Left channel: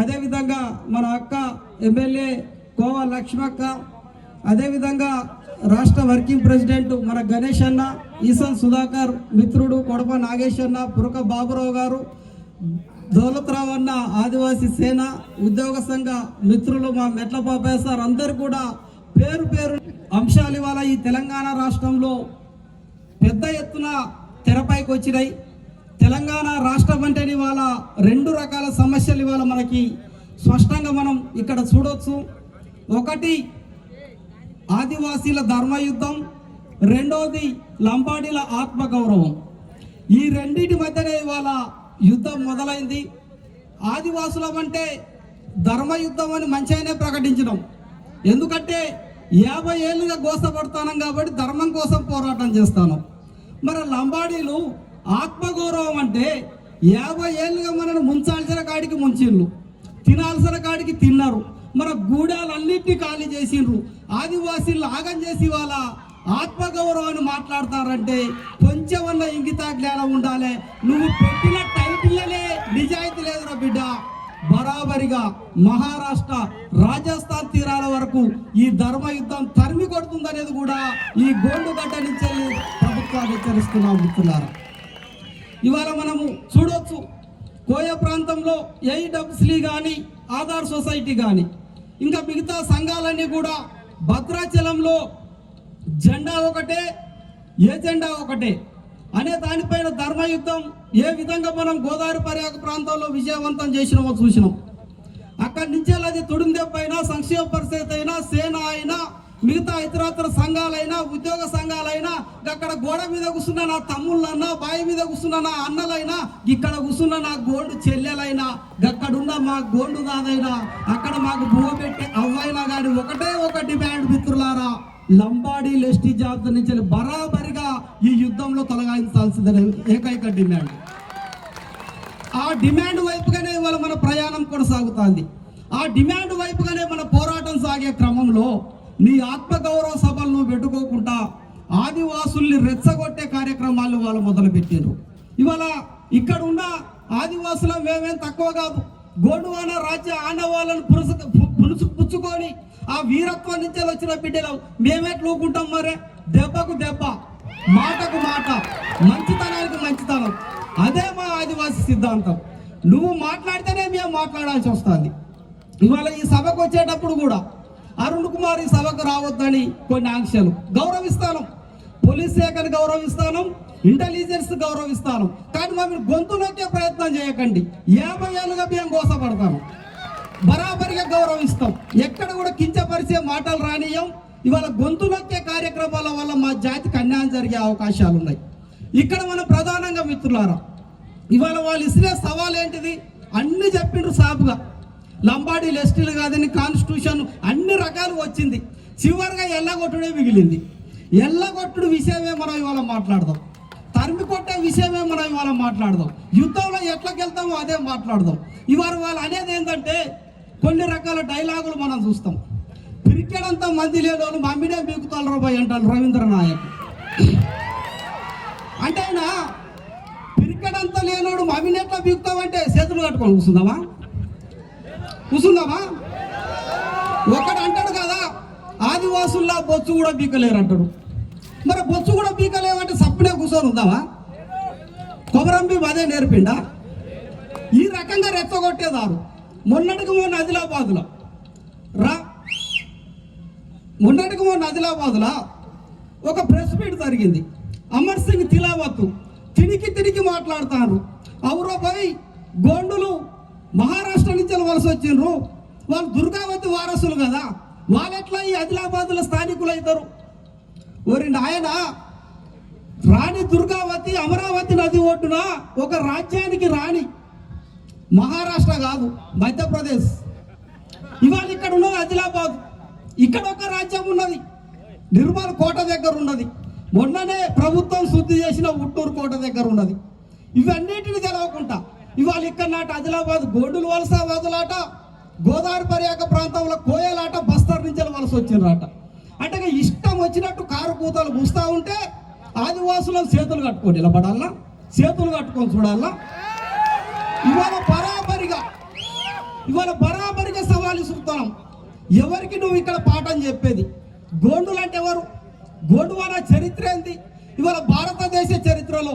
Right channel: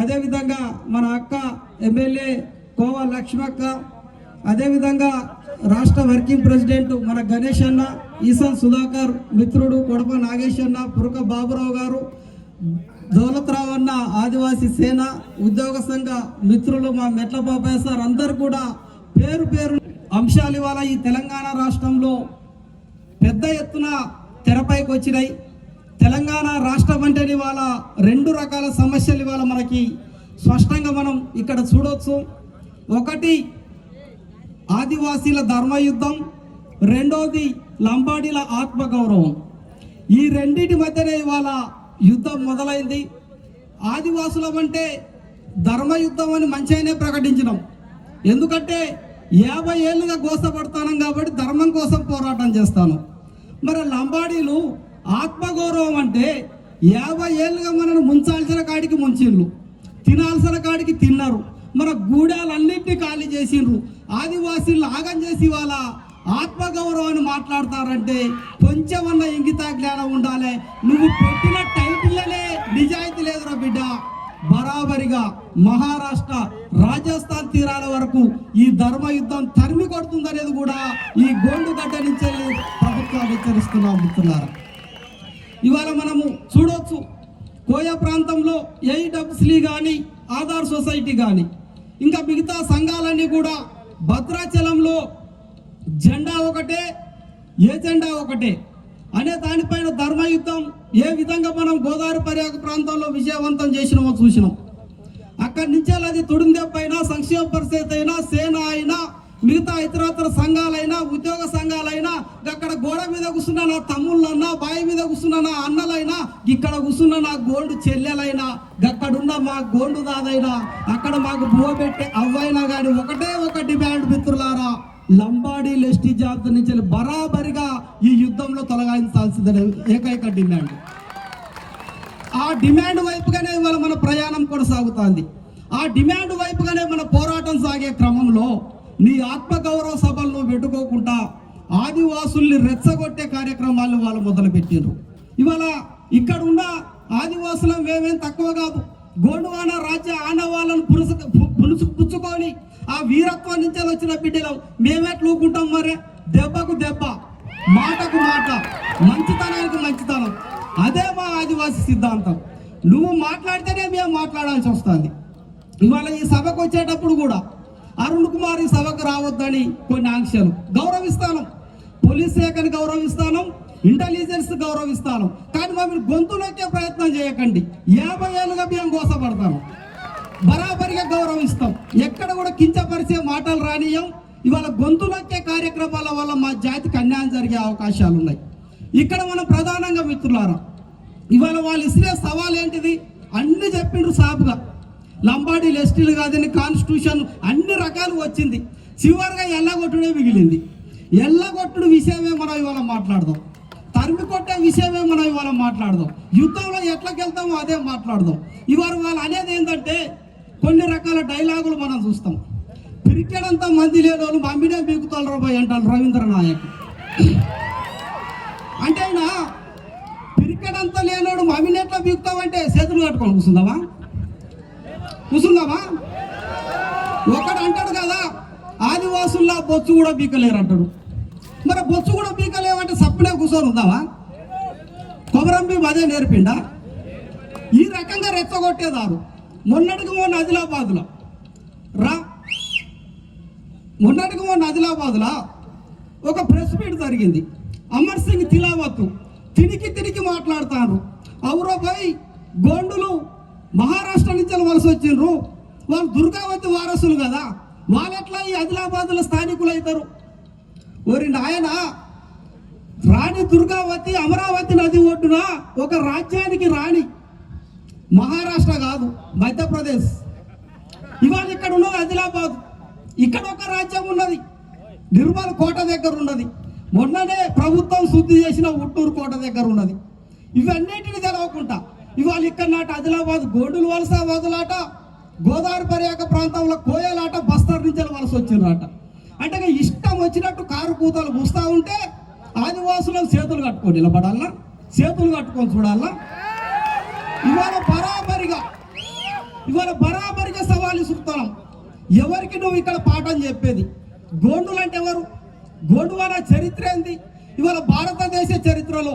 అదేవిధంగా మన అక్క ఎమ్మెల్యే కోవా లక్ష్మక్క అదేవిధంగా రాష్ట్ర వర్కింగ్ ప్రెసిడెంట్ మన గణేష్ అన్న ఈసన్ సుధాకర్ మిత్రుడు కొడప నాగేష్ అన్న పురక బాబురావు గారు దౌలత్రావు అన్న ఆదివాసీ సేన ఉద్యోగ సంఘ మిత్రులు మా మెట్ల బాబాయ్ సార్ అందరు కూడా పేరు పేరు అంశాలు ఇవాళ ఈ తెలంగాణ రాష్ట్రంలో పెద్ద ఎత్తున తెరపైకి వచ్చినాయి. తెలంగాణ రాష్ట్రం అంటే ఇవాళ రెండు రకాల సమస్యలు ఇవాళ మనకి స్పష్టంగా మనం ఇక్కడ చూడవచ్చు ఒకటి ఆదివాసీల ధర్మయుద్ధం రెండోది లంబాడీల ఆత్మగౌరవం. ఈ రెండింటి మధ్యనే ఇవాళ యుద్ధం మొదలైంది. ఆదివాసులం అంటే ధర్మయుద్ధం అని మంచిగానే ప్రకటించడం ఎందుకంటే యాభై ఏళ్ళుగా గోసపడతాను కాబట్టి ధర్మం కోసం పోరాటం చేస్తాను మరి లంబాడీలు ఆత్మగౌరవం అంటే యాభై ఏళ్ళుగా మనల్ని ముంచాల్సిన కాడికి ముంచిండ్రు. తినాల్సిన కాడికి తిన్నారు. మన గూడాలన్నింటినీ ఖాళీ చేసిండ్రు. ఆదివాసీలు ఆగం చేసి వాళ్ళ ఆత్మగౌరవాన్ని మాట్లాడతారంటే కొంచెమన్నా ఇంగితా జ్ఞానం ఉండాలి. నువ్వు పెట్టిన టైటిల్లనే నిజాయితీ లేదురా బిడ్డ. బరాబరిగా మహారాష్ట్ర రాజస్థాన్ తీరాల వరకు ఈ ధర్మ యుద్ధం తరిమి కొడుతుందనేది కూడా ఈ గోండు గడ్డ నుంచి ప్రభుత్వాన్ని హెచ్చరిస్తున్నాం మిత్రులారా. ఇవాళ మనము చూడొచ్చు కోయ ప్రాంతంలో ఏఈడబ్ల్యూసీ కానీ ఆధార్ సొసైటీ కానీ ఇంకా మిగతా సంఘాలన్నీ కూడా భద్రాచలంలో జెండా ఒకటే ఏ జెండా ఒకటే అనే దానిపైన ధర్మయుద్ధం ఏ విధంగా మనం గోదావరి పర్యాక ప్రాంతంలో విజయవంతం చేసినామో చూసినాం. అక్కడి నుంచి అది పైన సంక్షేమ పరిస్థితి అయినా సేన అయినా మిగతా ఇతరత్ర సంఘాలైనా ఉద్యోగ సంఘాలైనా అక్కడ గోడ మీద కూర్చున్న నా తమ్ముళ్ళన్నా బావి మీద కూర్చున్న నా అన్నలైనా ఇక్కడ కూర్చున్న నా గోల్డ్ చెల్లెలైనా అక్కడున్న మా గోల్డ్ దాదైనా అక్కడ మాకు బువ పెట్టే అవ్వైనా కానీ ఒకటే ఒక డిమాండ్ మిత్రులారా లంబాడీ లెస్టీ జాబితా నుంచి బరాబరిగా ఈ యుద్ధంలో తొలగించాల్సిందే ఏకైక డిమాండ్. ఆ డిమాండ్ వైపుగానే ఇవాళ మన ప్రయాణం కొనసాగుతోంది. ఆ డిమాండ్ వైపుగానే మన పోరాటం సాగే క్రమంలో నీ ఆత్మగౌరవ సభలు నువ్వు పెట్టుకోకుండా ఆదివాసుల్ని రెచ్చగొట్టే కార్యక్రమాలు వాళ్ళు మొదలుపెట్టారు ఇవాళ ఇక్కడ ఉన్న ఆదివాసుల మేమేం తక్కువ కాదు. గోండువాన రాజ్య ఆనవాళ్ళను పురుసు పులుసు పుచ్చుకొని ఆ వీరత్వం నుంచి వచ్చిన బిడ్డలు. మేమెట్లూకుంటాం మరే. దెబ్బకు దెబ్బ మాటకు మాట మంచితనానికి మంచితనం. అదే మా ఆదివాసి సిద్ధాంతం. నువ్వు మాట్లాడితేనే మేము మాట్లాడాల్సి వస్తుంది. ఇవాళ ఈ సభకు వచ్చేటప్పుడు కూడా అరుణ్ కుమార్ ఈ సభకు రావద్దని కొన్ని ఆంక్షలు. గౌరవిస్తాను. పోలీస్ శాఖని గౌరవిస్తాను. ఇంటెలిజెన్స్ గౌరవిస్తాను. కానీ మమ్మల్ని గొంతు ప్రయత్నం చేయకండి. యాభై ఏళ్ళుగా మేము కోసపడతాం బరాబరిగా గౌరవిస్తాం. ఎక్కడ కూడా కించపరిచే మాటలు రానియం ఇవాళ గొంతులొచ్చే కార్యక్రమాల వల్ల మా జాతికి అన్యాయం జరిగే అవకాశాలు ఉన్నాయి. ఇక్కడ మనం ప్రధానంగా మిత్రులారా ఇవాళ వాళ్ళు ఇస్తే సవాల్ ఏంటిది అన్ని చెప్పిండ్రు సాపుగా. లంబాడీలు ఎస్టీలు కాదని కాన్స్టిట్యూషన్ అన్ని రకాలు వచ్చింది. చివరిగా ఎల్లగొట్టుడే మిగిలింది. ఎల్లగొట్టుడు విషయమే మనం ఇవాళ మాట్లాడదాం. తరిమి కొట్టే విషయమే మనం ఇవాళ మాట్లాడదాం. యుద్ధంలో ఎట్లకి వెళ్తామో అదే మాట్లాడదాం. ఇవాళ వాళ్ళు అనేది ఏంటంటే కొన్ని రకాల డైలాగులు మనం చూస్తాం. పిరికెడంత మంది లేని వాళ్ళు మమ్మిడే బీకుతారు రాబాయ్ అంటారు రవీంద్ర నాయక్. అంటే ఆయన పిరికెడంతా లేనోడు మమ్మినెట్లా బీకుతామంటే చేతులు కట్టుకొని కూర్చుందామా కూర్చుందామా ఒకడు అంటాడు కదా ఆదివాసుల్లో బొచ్చు కూడా బీకలేరు అంటాడు మరి బొచ్చు కూడా బీకలేమంటే సప్పుడే కూర్చొని ఉందామా కొమరంబి అదే నేర్పిండా? ఈ రకంగా రెచ్చగొట్టేదారు. మొన్నటికి మొన్న ఆదిలాబాద్లో. రా. మొన్నటికి మొన్న ఆదిలాబాద్లో ఒక ప్రెస్ మీట్ జరిగింది. అమర్ సింగ్ తిలావత్ తినికి తిరిగి మాట్లాడతారు అవురో పోయి గోండులు మహారాష్ట్ర నుంచి వలస వచ్చిండ్రు వాళ్ళు దుర్గావతి వారసులు కదా. వాళ్ళు ఎట్లా ఈ ఆదిలాబాద్లో స్థానికులు అవుతారు? ఓరి నాయన రాణి దుర్గావతి అమరావతి నది ఒడ్డున ఒక రాజ్యానికి రాణి. మహారాష్ట్ర కాదు మధ్యప్రదేశ్. ఇవాళ ఇక్కడ ఉన్నది ఆదిలాబాద్. ఇక్కడ ఒక రాజ్యం ఉన్నది. నిర్మల్ కోట దగ్గర ఉన్నది. మొన్ననే ప్రభుత్వం శుద్ధి చేసిన ఉట్టూరు కోట దగ్గర ఉన్నది. ఇవన్నిటిని తెలవకుండా ఇవాళ ఇక్కడ నాటి ఆదిలాబాద్ గోడులు వలస వదులాట గోదావరి పర్యాక ప్రాంతంలో కోయలాట బస్తర్ నుంచి వలస వచ్చిండ్రట. అంటే ఇష్టం వచ్చినట్టు కారు కూతలు పూస్తూ ఉంటే ఆదివాసులను చేతులు కట్టుకొని నిలబడాలా? చేతులు కట్టుకొని చూడాలా? ఇవాళ బరాబరిగా ఇవాళ బరాబరిగా సవాలు ఇస్తున్నాం ఎవరికి నువ్వు ఇక్కడ పాఠం చెప్పేది? గోండులు అంటే ఎవరు? గోండు అన్న చరిత్ర ఏంది? ఇవాళ భారతదేశ చరిత్రలో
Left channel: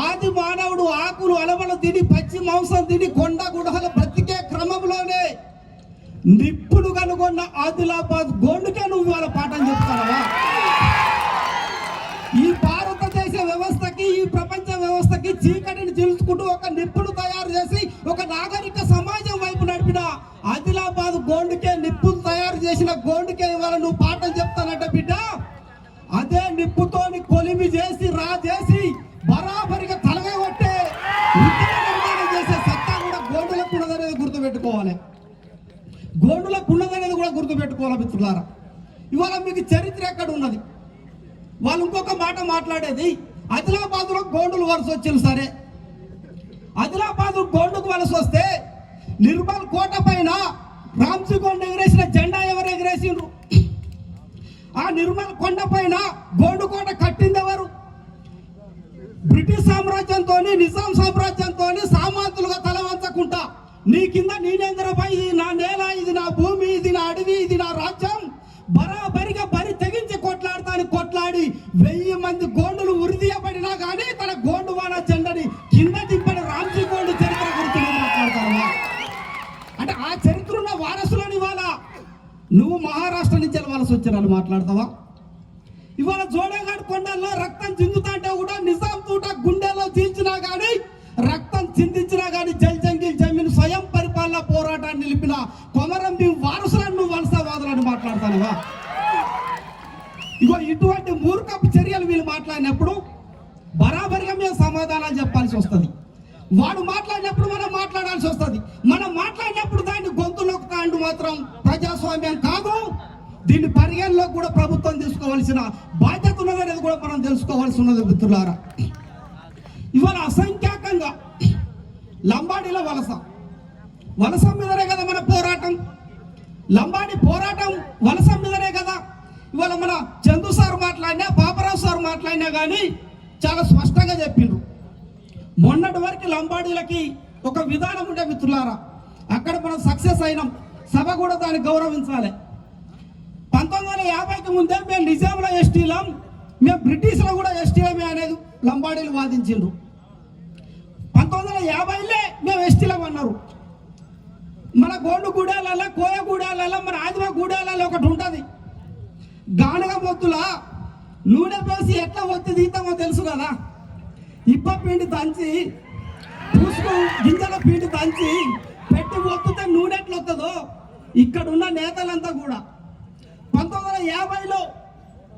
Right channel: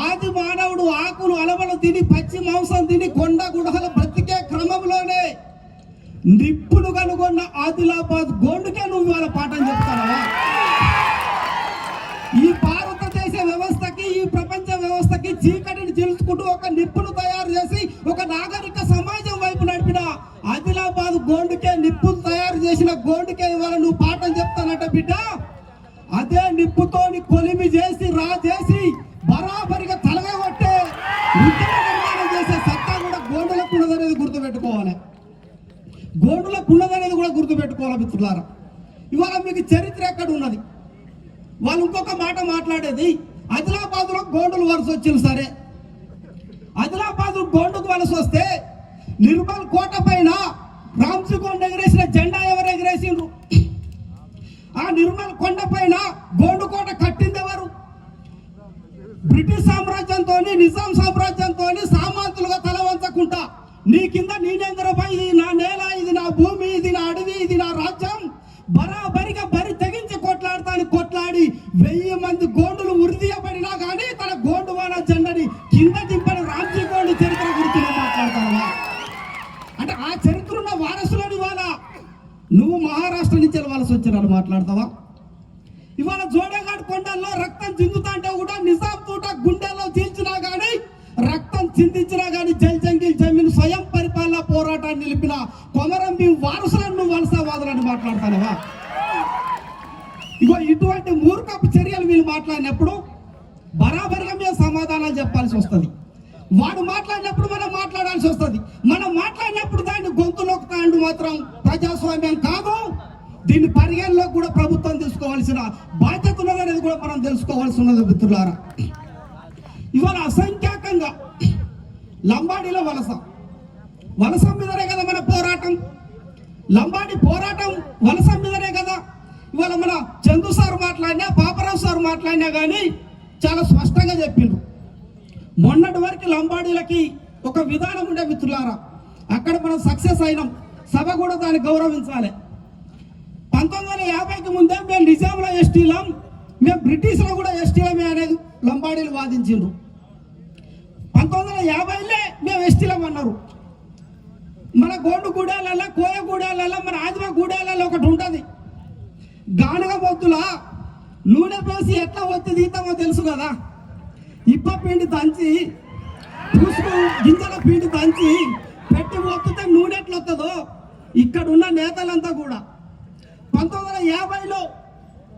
ఆది మానవుడు ఆకులు అలవలు తిని పచ్చి మాంసం తిని కొండ గుడహలు బ్రతికే క్రమంలోనే నిప్పుడు కనుగొన్న ఆదిలాబాద్ గోండుకే నువ్వు వాళ్ళ పాఠం చెప్తానవా? ఈ భారతదేశ వ్యవస్థకి ఈ ప్రపంచ వ్యవస్థకి చీకటిని చీల్చుకుంటూ ఒక నిప్పు బ్రిటిష్ సామ్రాజ్యంతో నిజాం సామ్రాజ్యంతో సామాంతులుగా తల వంచకుండా నీ కింద నీలేంద్రపై ఇది నా నేల ఇది నా భూమి ఇది నా అడవి ఇది నా రాజ్యం బరాబరిగా బరి తెగించి కొట్లాడతాను కొట్లాడి వెయ్యి మంది గోండులు ఉరిదీయబడినా కానీ తన గోండువాన జెండని కింద దింపిన రామ్జీ గోండు చరిత్ర గురించి అంటే ఆ చరిత్ర ఉన్న వారసులని వాళ్ళ నువ్వు మహారాష్ట్ర నుంచి వెళ్ళవలసి వచ్చిన మాట్లాడతావా? సమాధానాలు చెప్పాల్సి వస్తుంది. వాడు మాట్లాడినప్పుడు మనం మాట్లాడాల్సి వస్తుంది. మనం మాట్లాడినప్పుడు దాన్ని గొంతులోకి తాండు మాత్రం ప్రజాస్వామ్యం కాదు. దీన్ని పరిగణలో కూడా ప్రభుత్వం తీసుకోవాల్సిన బాధ్యత ఉన్నదనేది కూడా మనం తెలుసుకోవాల్సి ఉన్నది మిత్రులారా. ఇవాళ అసంఖ్యాకంగా లంబాడీలో వలస. వలస మీదనే కదా మన పోరాటం. లంబాడి పోరాటం వలస మీదనే కదా. ఇవాళ మన చందు సార్ మాట్లాడినా పాపరావు సార్ మాట్లాడినా కానీ చాలా స్పష్టంగా చెప్పిండ్రు మొన్నటి వరకు లంబాడీలకి ఒక విధానం ఉండే మిత్రులారా అక్కడ మనం సక్సెస్ అయినాం. సభ కూడా దాన్ని గౌరవించాలి. పంతొమ్మిది వందల యాభైకి ముందే మేము నిజాంలో ఎస్టీలం మేము బ్రిటిష్లో కూడా ఎస్టీలమే అనేది లంబాడీలు వాదించిండ్రు. పంతొమ్మిది వందల యాభైలే మేము ఎస్టీలం అన్నారు. మన గోండు గూడాలలో కోయ గూడాలలో మన ఆదివా గూడాలలో ఒకటి ఉంటుంది. గానుగ మొత్తుల నూనె పోసి ఎట్లా ఒత్తి తీద్దామో తెలుసు కదా? ఇప్ప పిండి దంచి పూసుకు గింజల పిండి దంచి పెట్టి ఒత్తితే నూనె ఎట్లా వస్తుందో? ఇక్కడ ఉన్న నేతలంతా కూడా. పంతొమ్మిది వందల యాభైలో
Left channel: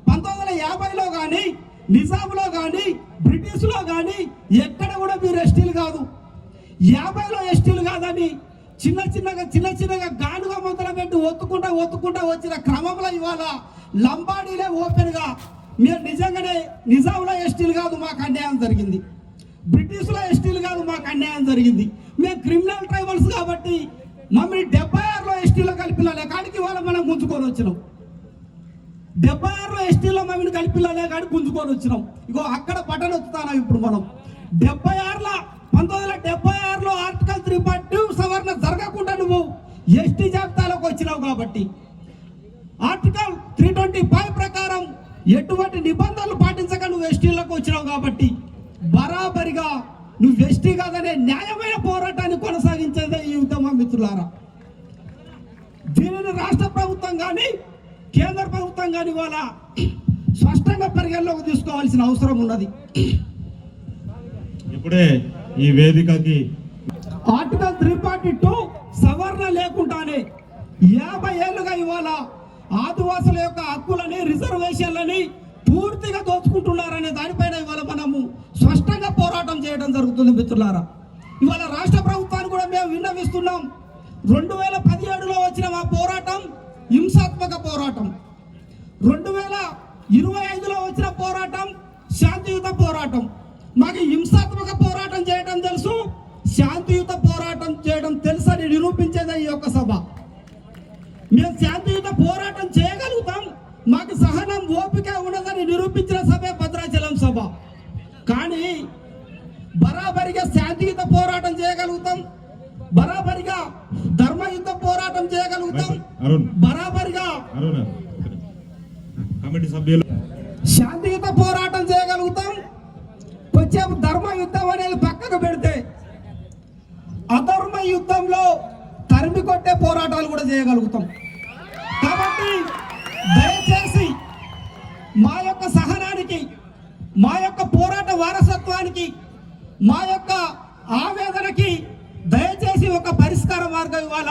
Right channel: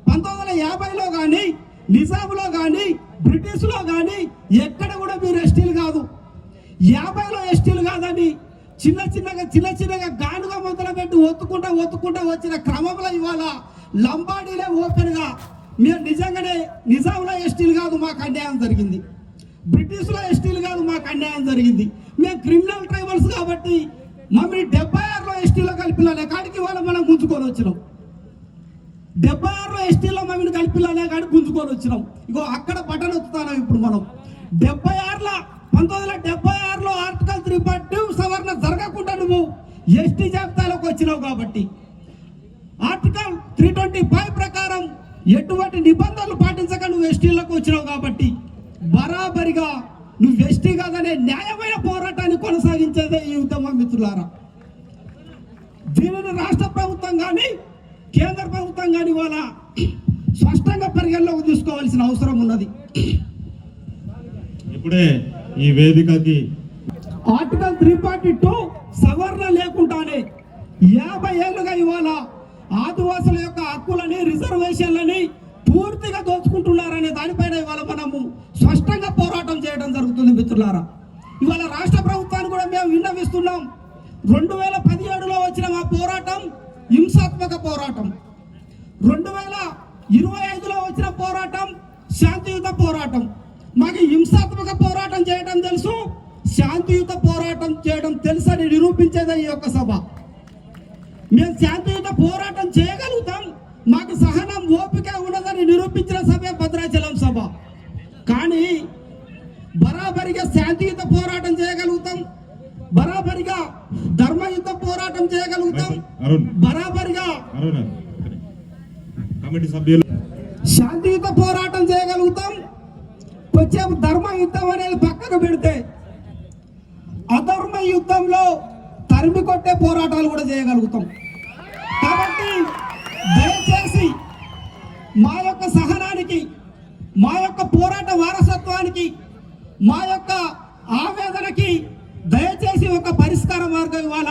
పంతొమ్మిది వందల యాభైలో కానీ నిజాంలో కానీ బ్రిటిష్లో కానీ ఎక్కడ కూడా మీరు ఎస్టీలు కాదు. యాభైలో ఎస్టీలు కాదని చిన్న చిన్నగా చిన్న చిన్నగా గానుగా మొదలు పెట్టి ఒత్తుకుంటా ఒత్తుకుంటా వచ్చిన క్రమంలో ఇవాళ లంబాడీలే ఓపెన్గా మీరు నిజంగానే నిజాంలో ఎస్టీలు కాదు మాకు అన్యాయం జరిగింది. బ్రిటిష్లో ఎస్టీలు కాదు మాకు అన్యాయం జరిగింది. మేము క్రిమినల్ ట్రైబల్స్ కాబట్టి మమ్మల్ని డెబ్బై ఆరులో ఎస్టీలో కలిపిల్లలే కాడికి వాళ్ళు మనం గుంజుకొని వచ్చినాం. డెబ్బై ఆరులో ఎస్టీలో మమ్మల్ని కలిపిల్లలే కానీ గుంజుకొని వచ్చినాం. ఇగో అక్కడ బటన్ వస్తున్నాం ఇప్పుడు మనం. డెబ్బై ఆరులో పంతొమ్మిది వందల డెబ్బై ఆరులో ఆర్టికల్ త్రీ పాయింట్ సవరణ జరగకుండా నువ్వు ఎస్టీ జాబితాలోకి వచ్చినావు కాబట్టి. ఆర్టికల్ త్రీ ట్వంటీ ఫైవ్ ప్రకారం ఎటువంటి నిబంధనలు పాటించక నువ్వు ఎస్టీలోకి వచ్చినావు కాబట్టి బరాబరిగా నువ్వు ఎస్టీ కాదనే న్యాయమైన పోరాటాన్ని కొనసాగించేదే ఈ ఉద్యమం మిత్రులారా. దీనిని రాష్ట్ర ప్రభుత్వం కానీ కేంద్ర ప్రభుత్వం కానీ ఇవాళ స్పష్టంగా పరిగణలోకి తీసుకోవాల్సిన అవసరం ఉన్నది. ఇప్పుడే ఈ వేదికకి ఆర్టికల్ త్రీ ఫార్టీ టూ సవరణ లేకుండానే యాభై ఏళ్ళుగా ఇవాళ ఆదివాసుల యొక్క హక్కులని రిజర్వేషన్లని పూర్తిగా దోచుకుంటున్నారనే దానిపైన ఇవాళ మనము స్పష్టంగా పోరాటం చేయడం జరుగుతుంది మిత్రులారా. చేయగలుగుతాం. బరాబర్గా. కమిటీ సభ్యులు శాంతియుత పోరాటం చేయగలుగుతాం కొంచెం ధర్మ యుద్ధం అనేది పక్కకు పెడితే అధర్మ యుద్ధంలో తరిమి కొట్టే పోరాటాలు కూడా చేయగలుగుతాం కాబట్టి దయచేసి మా యొక్క సహనానికి మా యొక్క పోరాట వారసత్వానికి మా యొక్క ఆవేదనకి దయచేసి ఒక పరిష్కార మార్గం ఇవాళ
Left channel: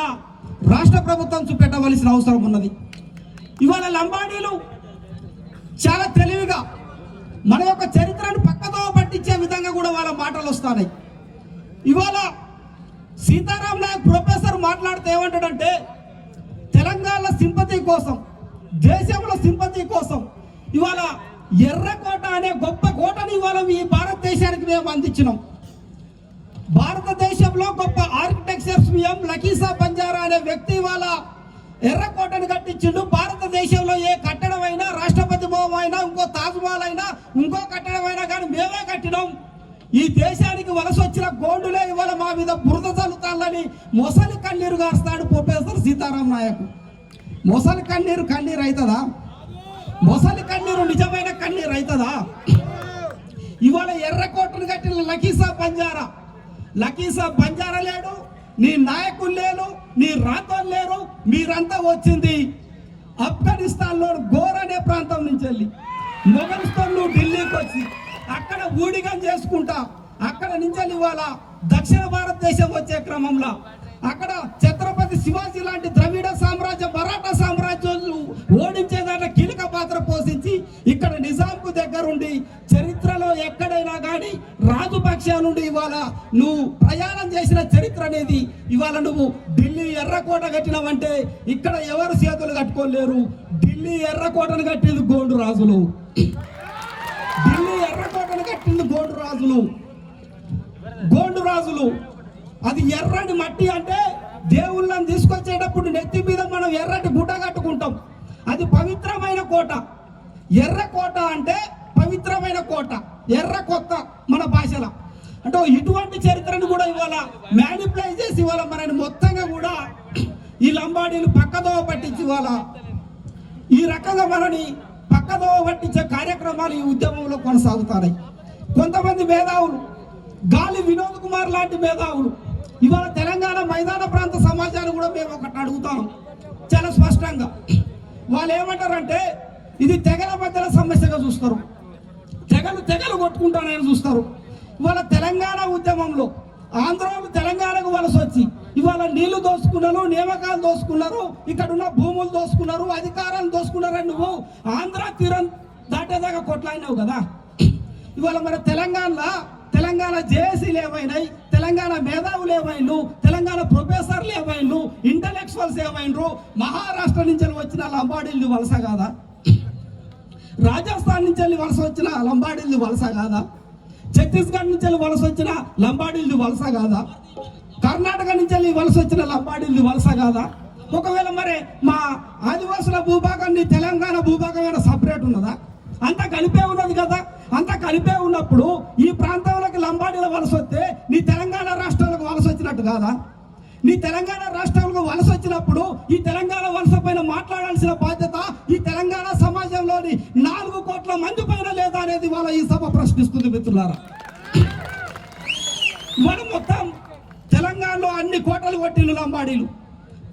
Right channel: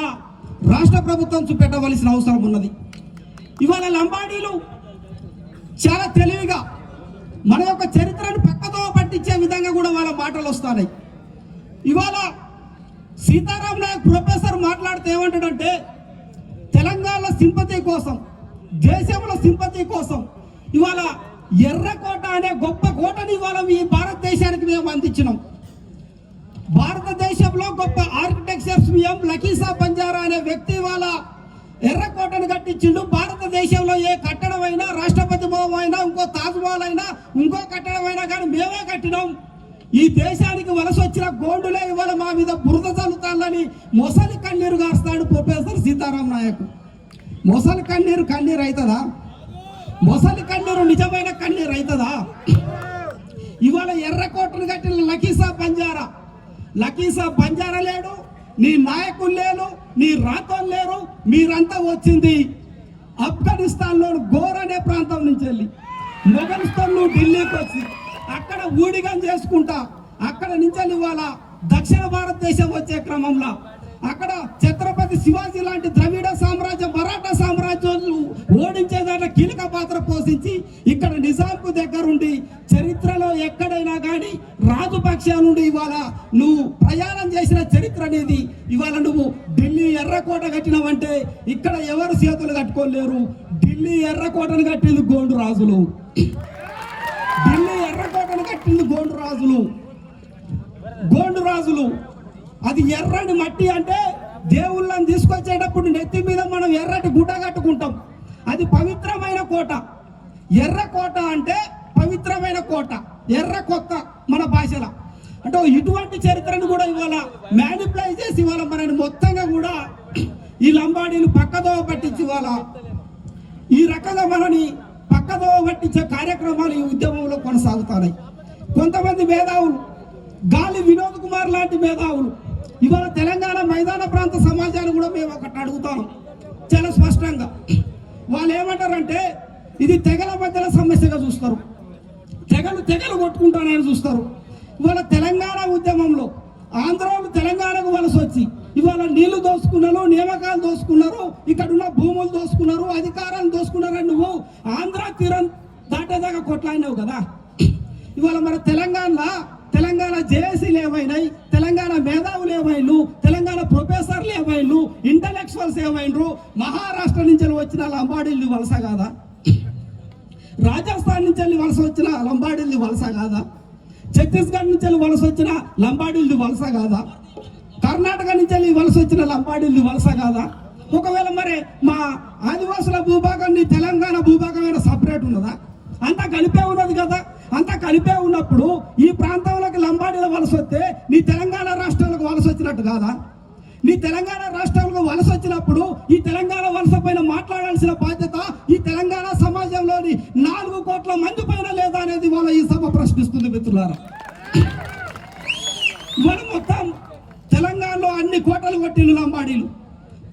రాష్ట్ర ప్రభుత్వం చూపెట్టవలసిన అవసరం ఉన్నది ఇవాళ లంబాడీలు చాలా తెలివిగా మన యొక్క చరిత్రను పక్కదో పట్టించే విధంగా కూడా వాళ్ళ మాటలు వస్తున్నాయి ఇవాళ సీతారాం నాయక్ ప్రొఫెసర్ మాట్లాడితే తెలంగాణ సింపతి కోసం దేశంలో సింపతి కోసం ఇవాళ ఎర్రకోట అనే గొప్ప కోటని ఇవాళ ఈ భారతదేశానికి మేము అందించినాం. భారతదేశంలో గొప్ప ఆర్కిటెక్చర్స్ మేము లకీసా బంజారా అనే వ్యక్తి ఇవాళ ఎర్రకోటను కట్టించిండు. భారతదేశంలో ఏ కట్టడం అయినా రాష్ట్రపతి భవనం అయినా ఇంకో తాజ్మహల్ అయినా ఇంకో కట్టడం అయినా కానీ మేమే కట్టినాం. ఈ దేశానికి వలస వచ్చిన గోండులే ఇవాళ మా మీద బురద చల్లుతాలని మొసలి కన్నీరు గారుస్తాడు ప్రొఫెసర్ సీతారాం నాయక్. మొసలి కన్నీరు కన్నీరు అవుతుందా మొసలి కన్నీరు నిజమైన కన్నీరు అవుతుందా ఇవాళ ఎర్రకోటను కట్టిన లకీసా బంజారా. లకీసా బంజారా లేడు నీ నాయకులు లేరు నీ రాతలు లేరు మీరంతా వచ్చింది ఆఫ్ఘనిస్తాన్లో గోర్ అనే ప్రాంతం నుంచి వెళ్ళి. మొగల్స్తో నువ్వు ఢిల్లీకి వచ్చి అక్కడ ఊడిగం చేసుకుంటా అక్కడ నుంచి ఇవాళ దక్షిణ భారతదేశం వచ్చే క్రమంలో. అక్కడ ఛత్రపతి శివాజీ లాంటి ద్రవిడ సామ్రాజ్యం మరాఠా సామ్రాజ్యాలు ఓడించే దాంట్లో కీలక పాత్ర పోషించి ఇక్కడ నిజాంకు దగ్గరుండి చరిత్రలో ఎక్కడైనా కానీ రాజుపక్ష నుండి ఇవాళ నువ్వు ప్రయాణం చేసిన చరిత్ర అనేది ఇవాళ నువ్వు ఢిల్లీ ఎర్రకోట కట్టినవంటే ఇక్కడ ఎవరు చేతులు కట్టుకోలేరు. ఢిల్లీ ఎర్రకోటను కట్టింది గోండు రాజులు. ఢిల్లీ ఎర్రకోటను కట్టింది గోండు రాజులు. గోండు రాజులు. అది ఎర్రటి మట్టి అంటే దేవుళ్ళని తీసుకొచ్చేటప్పుడు నెత్తి మీద మనం ఎర్రటి గుడ్డ కట్టుకుంటాం. అది పవిత్రమైన కోట. ఎర్ర కోట అంటే పవిత్రమైన కోట. ఎర్ర కొత్త మన భాషలో. అంటే ఇటువంటి చరిత్రను కూడా ఇవాళ మ్యానిప్లై చేసి ఇవాళ మనని మొత్తంగా కూడా ఈ లంబాడీలు పక్కదో పట్టించి ఇవాళ ఈ రకంగా మనని పక్కదో పట్టించే కార్యక్రమాలు ఈ ఉద్యమంలో కొనసాగుతాయి. కొంతమంది మేధావులు గాలి వినోద్ కుమార్ లాంటి మేధావులు ఇవాళ తెలంగాణ మైదాన ప్రాంత సమాజాన్ని కూడా మేము ఒకటి అడుగుతాం. చాలా స్పష్టంగా. వాళ్ళు ఏమంటారంటే ఇది తెగల మధ్యన సమస్యగా చూస్తారు. తెగలు తెగలు కొట్టుకుంటానని చూస్తారు. ఇవాళ తెలంగాణ ఉద్యమంలో ఆంధ్రోలు తెలంగాణకు వలస వచ్చి ఇవాళ నీళ్ళు దోసుకున్నారు నియామకాలు దోసుకున్నారు ఇక్కడ ఉన్న భూములు దోసుకున్నారు అధికారాన్ని దోసుకున్నారని నువ్వు ఆంధ్ర తీరం దాటేదాకా కొట్లాడినావు కదా. ఇవాళ మన తెలంగాణలో తెలంగాణ జేఏసీలు ఏమైనాయి తెలంగాణ మేధావులు ఏమైండు తెలంగాణ ప్రొఫెసర్లు ఏమైండు ఇంటలెక్చువల్స్ ఏమైండ్రు మహారాష్ట్ర నుంచి వచ్చిన లంబాడీలు వలస కాదా? రాజస్థాన్ నుంచి వెళ్ళి వలస వచ్చిన లంబాడీలు వలస కాదా? ఛత్తీస్గఢ్ నుంచి వలస వచ్చిన లంబాడీలు వలస కాదా? కర్ణాటక నుంచి వెళ్ళి వలస వచ్చిన లంబాడీలు వలస కాదా? ఒకవేళ మరి మా ఆదివాసుల భూభాగం నీ తెలంగాణ భూభాగం సపరేట్ ఉన్నదా? అంతా కలిపే ఉన్నది కదా. అంతా కలిపే ఉన్నప్పుడు ఈ ప్రాంతంలోకి లంబాడీల వలస వస్తే నీ తెలంగాణ రాష్ట్రాలకు వలస వచ్చినట్టు కాదా? నీ తెలంగాణ రాష్ట్రాలకు వలస వచ్చినప్పుడు ఈ తెలంగాణ వలస పైన మాట్లాడాల్సిన బాధ్యత ఈ తెలంగాణ సమాజంలోని నాలుగు కోట్ల మంది పైన లేదా అనేది వాళ్ళ ఈ సభ ప్రశ్నిస్తుంది మిత్రులారా మనం మొత్తం తెలంగాణలో అన్ని కోటలు కొట్టిన లంబాడీలు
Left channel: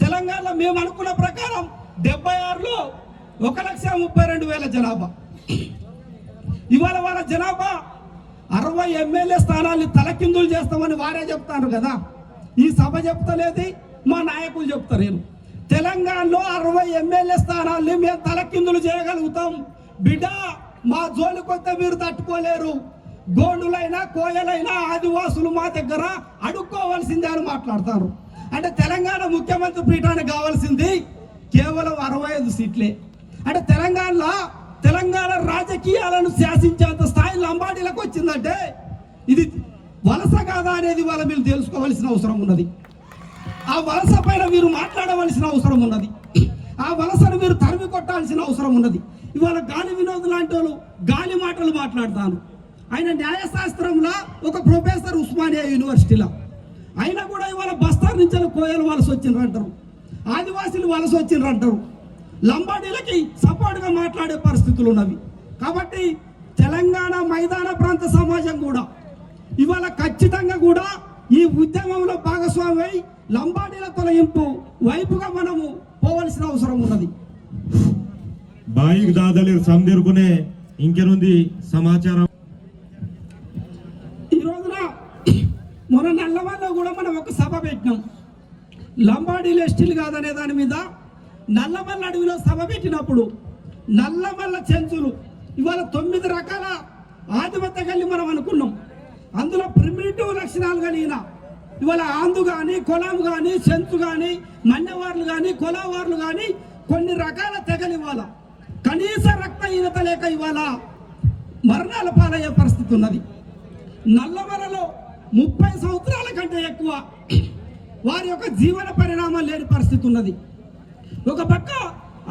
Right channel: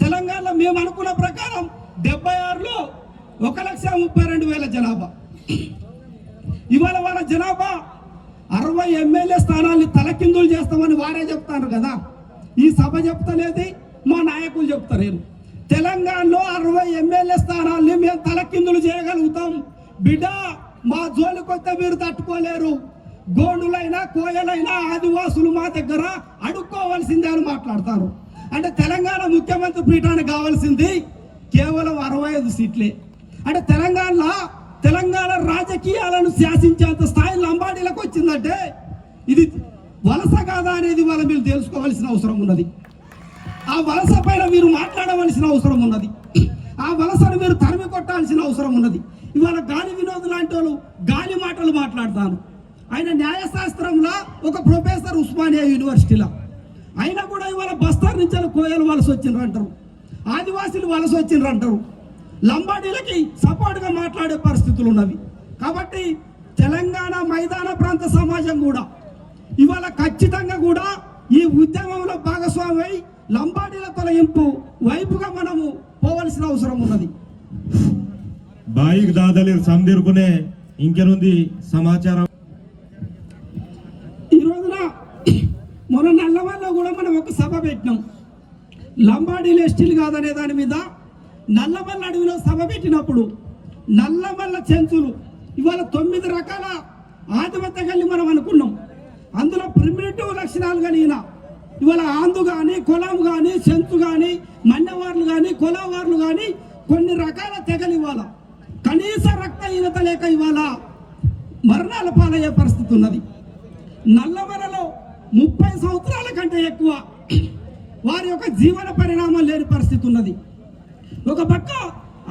తెలంగాణలో మేము అనుకున్న ప్రకారం డెబ్బై ఆరులో ఒక లక్ష ముప్పై రెండు వేల జనాభా ఇవాళ వాళ్ళ జనాభా అరవై ఎమ్మెల్యే స్థానాన్ని తలకిందులు చేస్తామని వారే చెప్తారు కదా ఈ సభ చెప్తలేదు మా నాయకులు చెప్తలేరు తెలంగాణలో అరవై ఎమ్మెల్యే స్థానాల్ని మేము తలకిందులు చేయగలుగుతాం బిడ్డ మా జోలికొస్తే మీరు తట్టుకోలేరు గోండులైనా కోయలైనా ఆదివాసులు మా దగ్గర అడుక్కోవాల్సిందే అని మాట్లాడతారు అంటే తెలంగాణ ముఖ్యమంత్రి పీఠానికి కావాల్సింది కేవలం అరవై ఐదు సీట్లే అంటే తెలంగాణలో తెలంగాణ రాజకీయాలను శాసించేంత స్థాయి లంబాడీలకు వచ్చిందంటే ఇది వలస కాదా అనేది వాళ్ళ మీరు తెలుసుకోవాల్సిన అవసరం ఉన్నది. ఆ వలస పైన మీరు మాట్లాడవలసిన అవసరం ఉన్నది. ఆ వలసను మీరు తరిమి కొట్టాల్సిన అవసరం ఉన్నది. ఇవాళ గాలి వినోద్ లాంటి వాళ్ళు గాలి మాటలు మాట్లాడతాను ఆయన న్యాయశాస్త్రంలో ఒక ప్రొఫెసర్ ఉస్మానియా యూనివర్సిటీలో. అయినా కూడా ఇవాళ బస్తార్ నుంచి కోయలు వలస వచ్చిండ్రు అంటారు. ఆదివాసీలు వలస వచ్చిండ్రు అంటారు. లంబాడీలకి సపోర్ట్గా మాట్లాడే పరిస్థితులు ఉన్నవి. కాబట్టి తెలంగాణ మైదాన ప్రాంత సమాజం కూడా ఇవాళ ఖచ్చితంగా కూడా ఈ ఉద్యమంలో భాగస్వామి లంబాడీల తొలగింపు వైపుగా మనము పోవలసిన అవసరం ఉన్నది. బాయికి దాదలే సందేరుకునే ఇంకెనుంది సమాచారం? ఈ రోజున మన నల్లవాళ్ళలో కూడా మనం ఒక సభ పెట్టినాం. లంబాడీలు ఎస్టీలు కాదనే దాని మీద నల్లమల్ల అడవిలో సభ పెట్టినప్పుడు నల్లమల్ల చెంచులు ఇవాళ తొమ్మిది రకాల ఆధిపత్య కలిగి మనం అనుకున్నాం. అందులో ప్రిమిటివ్ లక్షణాలు కలిగిన ఇవాళ ఆందు కానీ కొలం కానీ చెంచు కానీ మన్నెవార్లు కానీ కొలవార్లు కానీ కొన్ని రకాల తెగలు ఇవాళ. కనీస రక్తహీనత లేక ఇవాళ మరణాల పాలయ్యే పరిస్థితి ఉన్నది. నల్లమలలో ముప్పై సంవత్సరాల కంటే ఎక్కువ వారి యొక్క జీవన పరిణామం లేని పరిస్థితి ఉన్నది. ఒక పక్క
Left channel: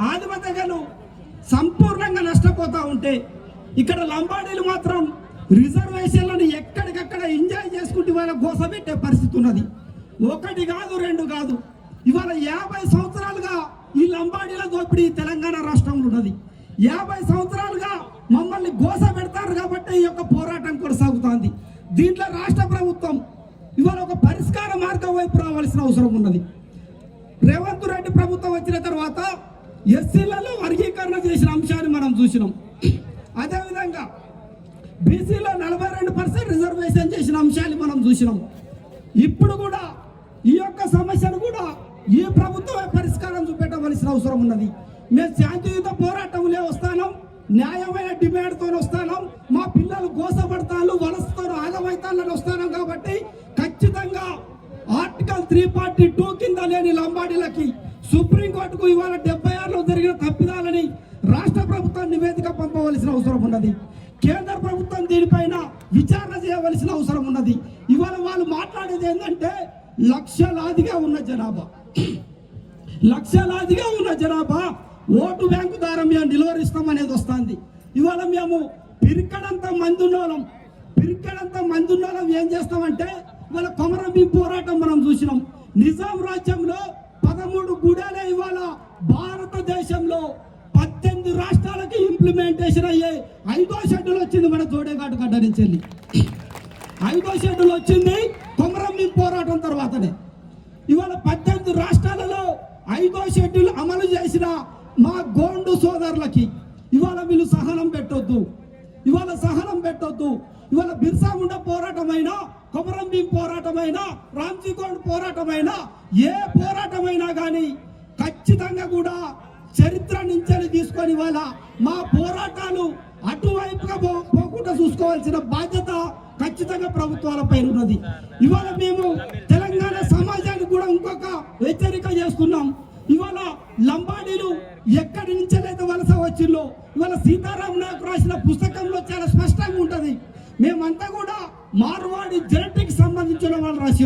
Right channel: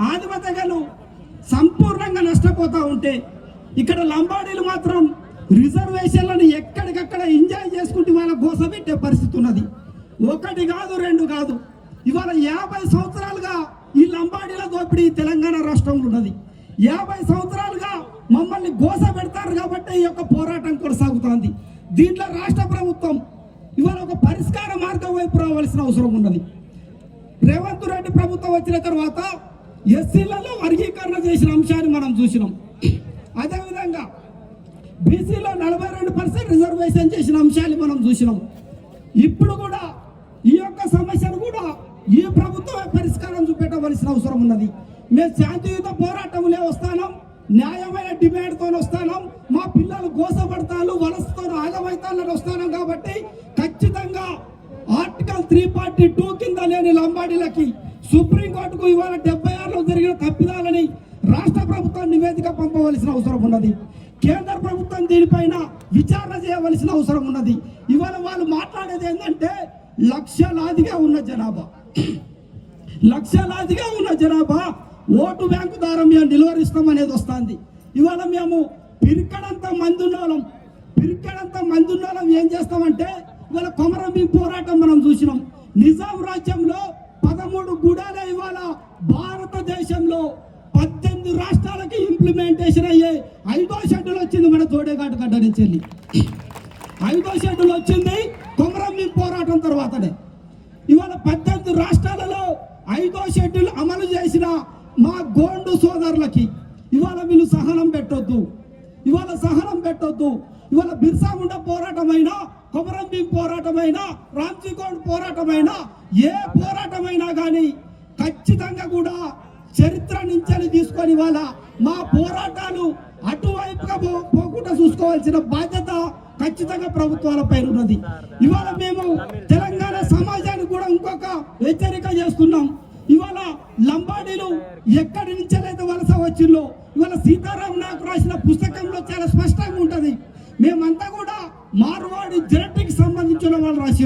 ఆదిమతగలు సంపూర్ణంగా నష్టపోతూ ఉంటే ఇక్కడ లంబాడీలు మాత్రం రిజర్వేషన్లను ఎక్కడికక్కడ ఎంజాయ్ చేసుకుంటూ వాళ్ళ గోసపెట్టే పరిస్థితి ఉన్నది. ఒకటి కాదు రెండు కాదు. ఆగమైతానని వస్తాను కాబట్టి ఖచ్చితంగా ఆర్టికల్ త్రీ ఫార్టీ టూ కింద లేని లంబాడీలకి సుప్రీంకోర్టుకు ఇవాళ డెబ్బై ఆరులో జరిగిన తప్పిదాలని రాష్ట్ర ప్రభుత్వం నివేదిక పంపవలసిన అవసరం ఉన్నది. కేంద్ర ప్రభుత్వం దీనిపైన విచారణ చేయవలసిన అవసరం ఉన్నది. ఇవాళ వాళ్ళు మాట్లాడేది ఏంటంటే లక్షలాదిగా ఉన్న జనాభా. లక్షలాదిగా ఉన్న జనాభా ఓటు బ్యాంకు ద్వారా మేము నిలువరిస్తాం అనేది వస్తుంది. ఇవాళ మేము పిరికడంత మంది ఉన్నోళ్ళం పిరికడంత మంది ఉన్నోళ్ళం ఏం చేస్తామంటే ఇవాళ కొమరం పోరాటం మనం చూసినాం. నిజాం రాజ్యంలో పదమూడు గుడాలే ఇవాళ భారతదేశంలో పద్దెనిమిది రాష్ట్రాలకి ఇంప్లిమెంటేషన్ అయ్యే ఐదో షెడ్యూల్ వచ్చింది మన తోడేఘాటు గడ్డ నుంచి వెళ్ళి ఐదో షెడ్యూల్ వచ్చింది కొమరం పోరాటం తర్వాతనే. ఇవాళ పద్దెనిమిది రాష్ట్రాలలో ఐదో షెడ్యూల్ అమలు చేసిన మా గోండు సోదరులకి ఇవాళ వీళ్ళు సహనం పెట్టొద్దు. ఇవాళ సహనం పెట్టొద్దు. ఇవాళ బిర్సాగుండ పోరాటమైనా కొమరం భీం పోరాటమైనా రామ్జీగౌడ్ పోరాటమైనా ఏ పోరాటమైనా కానీ ఖచ్చితంగా కూడా చరిత్ర నుంచి తీసుకొని వాళ్ళ మా పోరాటాలు అటువైపుగా పోకుండా చూసుకోవాల్సిన బాధ్యత ఖచ్చితంగా ప్రభుత్వాల పైన ఉన్నది. ఇవాళ మేము తెలంగాణ సమాజానికి కూడా ఇంకొక హెచ్చరిక చేస్తున్నాం. ఇవాళ లంబాడీలు ఎక్కడి నుంచెలైతే వలస వచ్చిందో ఇవాళ సీతారాం నాకు రాసిన పుస్తకంలో చాలా స్పష్టంగా ఉంటది. మేమంతా కూడా మార్వాడి జెనెటిక్ సంబంధించిన వాళ్ళు రాసి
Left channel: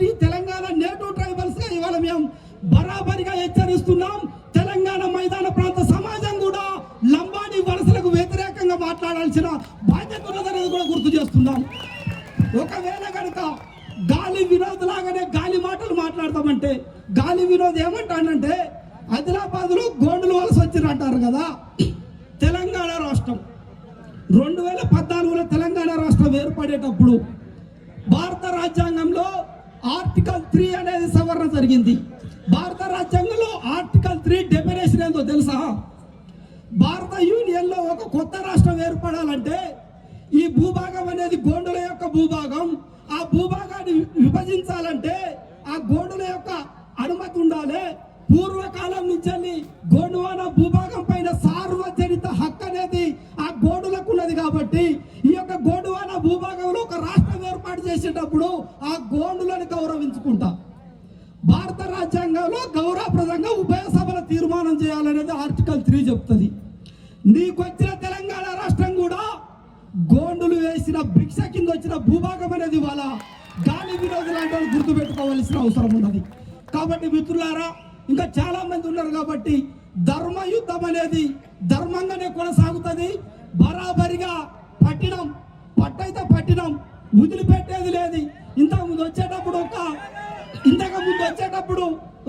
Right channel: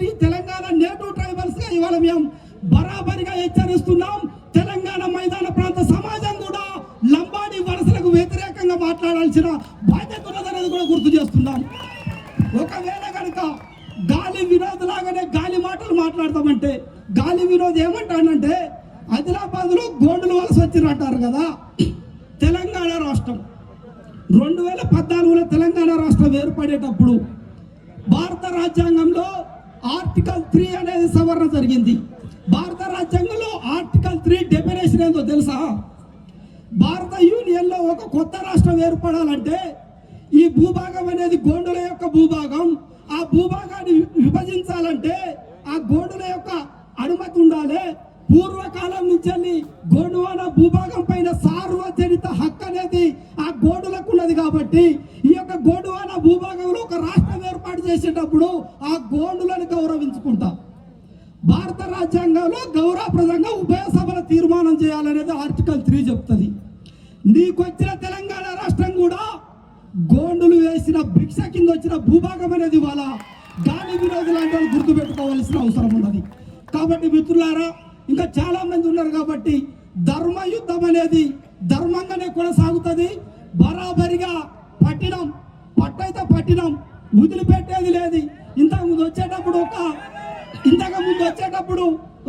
ప్రశ్నిస్తుంది పూర్వకాలం నుంచి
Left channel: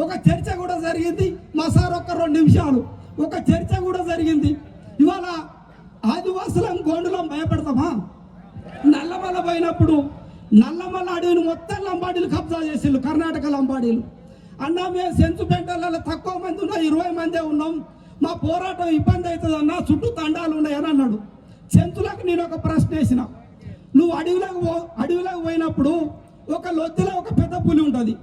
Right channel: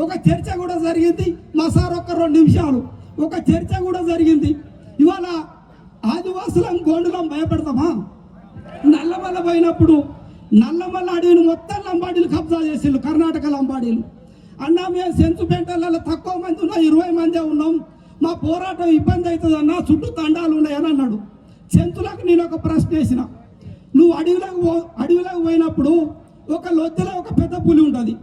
ఒక చర్చ కూడా జరిగింది. మా సార్ ఒక రెండు నిమిషాలు. ఒక చర్చ కూడా జరిగింది. ఇవాళ ఆదివాసులం గోండులం భయపెడతామా? నల్లమల్ల పోయినప్పుడు నల్లమల్ల అడవిని మొత్తం లంబాడీలు కబ్జా చేసిండు కర్ణాటక లంబాడీలు. అన్నా మేము సెంచుపేటలలో తక్కువ మంది ఉన్నాం ఇరవై మందే ఉన్నాం. మా పోరాటం ఇబ్బంది అవుతుంది అన్న చుట్టూ తండాలు ఉన్నాయని అన్నాడు. సెంతులకు నేను ఒక ప్రశ్న వేసిన. నువ్వు అడవిలోకి పో అడవిలోకి పోయినప్పుడు ఒక లొద్దులో ఒక పెద్ద పులి ఉంటుంది.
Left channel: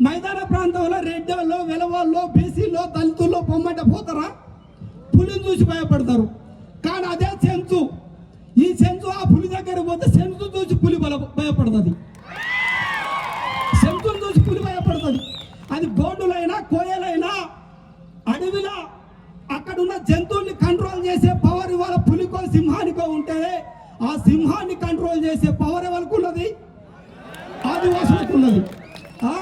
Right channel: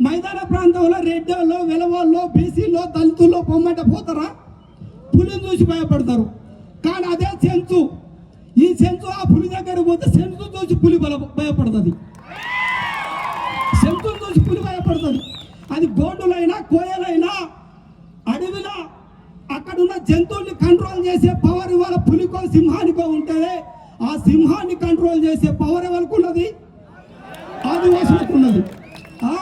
మైదాన ప్రాంతంలో రెడ్డోళ్ళు వెలవాళ్ళు బీసీలో దళితుల్లో పొమ్మంటే పోతారా? పులిని చూసి భయపడతారు. కానీ అదే సెన్సు ఈ సెన్సు ఆ పులి దగ్గర పోతే సెన్సు చూసి పులి భయపడుతుంది. సెంచుని చూసి పులి భయపడుతుంది. అది గో కోయలైనా అడవిలో అక్కడున్న జంతువుల్ని కంట్రోల్ చేసే పవర్ ఇవాళ పులికో సింహానికో ఉంటే ఆ సింహాన్ని కంట్రోల్ చేసే పవర్ ఎవరికి ఉన్నది ఆదివాసులకు ఉన్నది ఆ?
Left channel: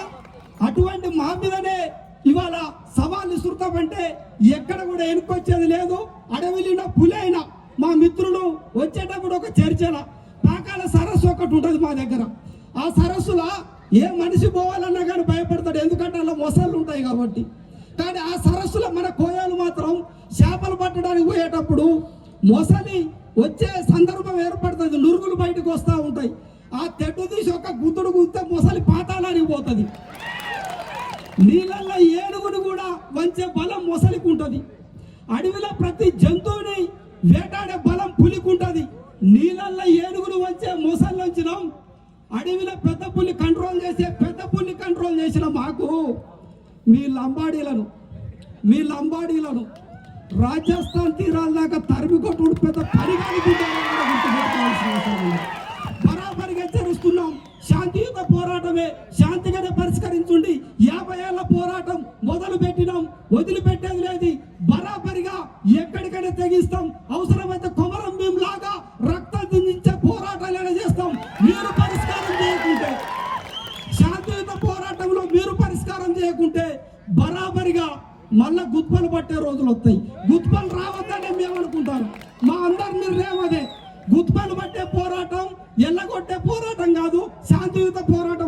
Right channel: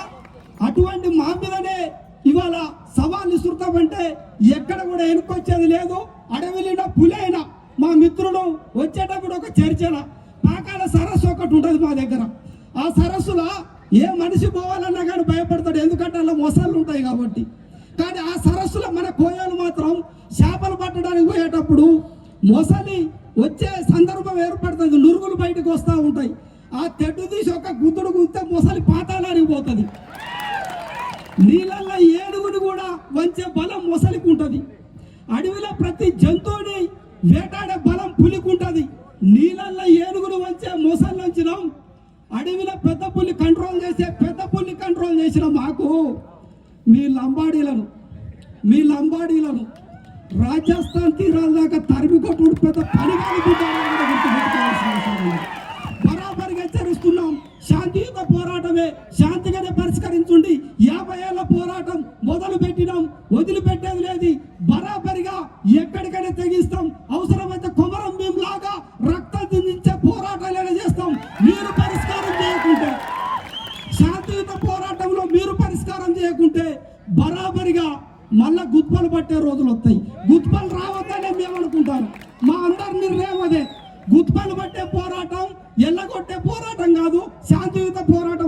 అటువంటి మా మీదనే ఇవాళ సవాల్ విసురుతామంటే ఎక్కడ కూడా వెనుకొచ్చేది లేదు అడవిలో పులి అయినా మా మిత్రులు వచ్చేటప్పుడు ఒక చర్చల పాకాల సరస్సు ఒకటి ఉంటుంది మా దగ్గర ఆ సరస్సులో ఏ మనిషి పోవాలన్నా కానీ భయపడతాడు ఎందుకంటే అలా మొసళ్ళు ఉంటాయి కాబట్టి కానీ ఆ సరస్సులో మన కోయాలు మాత్రం చేపలు పట్టడానికి పోయేటప్పుడు మొసలి వచ్చే సందర్భం ఏర్పడుతుంది నురుగులు బయటకు వస్తూ ఉంటాయి ఆ తెడ్డు తీసి ఒక గుద్దుడు గుద్దితే మొసలి పాతాళానికి పోతుంది నీళ్ళల్లో ఏనుగును కూడా వంచే బలం మొసలికి ఉంటుంది అడవిలో ప్రతి జంతువుని వేటాడే బలం పులికి ఉంటుంది నీళ్ళల్లో ఏనుగులు వచ్చే మొసళ్ళు వచ్చినాం అడవిలో పెద్ద పులి కంట్రోల్ చేసే పెద్ద పులి కంట్రోల్ చేసిన మాకు మీ లంబాడీలను మీ లంబాడీలను రాజస్థాన్ తీరాల దాకా తరిమి కొట్టుడు పెద్ద పని బరాబరిగా హెచ్చరిస్తున్నాం. శాంతియుత పోరాటమే శాంతిగానే పరిష్కరించుండి యాభై ఏళ్ళ పోరాటం మొదలు పెట్టినాం వదిలిపెట్టేది లేదు. బరాబరిగా ఎక్కడికైనా తెగిస్తాం. అవసరమైతే కొమరం మేము లాగా రక్తం దించే పోరాటాలైనా చేస్తాం. మీరు పరిష్కారం చేయకుంటే శాంతియుత పోరాటంలో మీరు పరిష్కారం చేయకుంటే బరాబరిగా మళ్ళా గుత్పలు పట్టే రోజులు వస్తాయి. గుత్పలు రావద్దనే మేము అనుకుంటాను మా అందరి నిర్ణయం అదే గుత్పలు పట్టే పోరాటం ఎల్లగొట్టే పోరాటం కాదు. శాంతియుత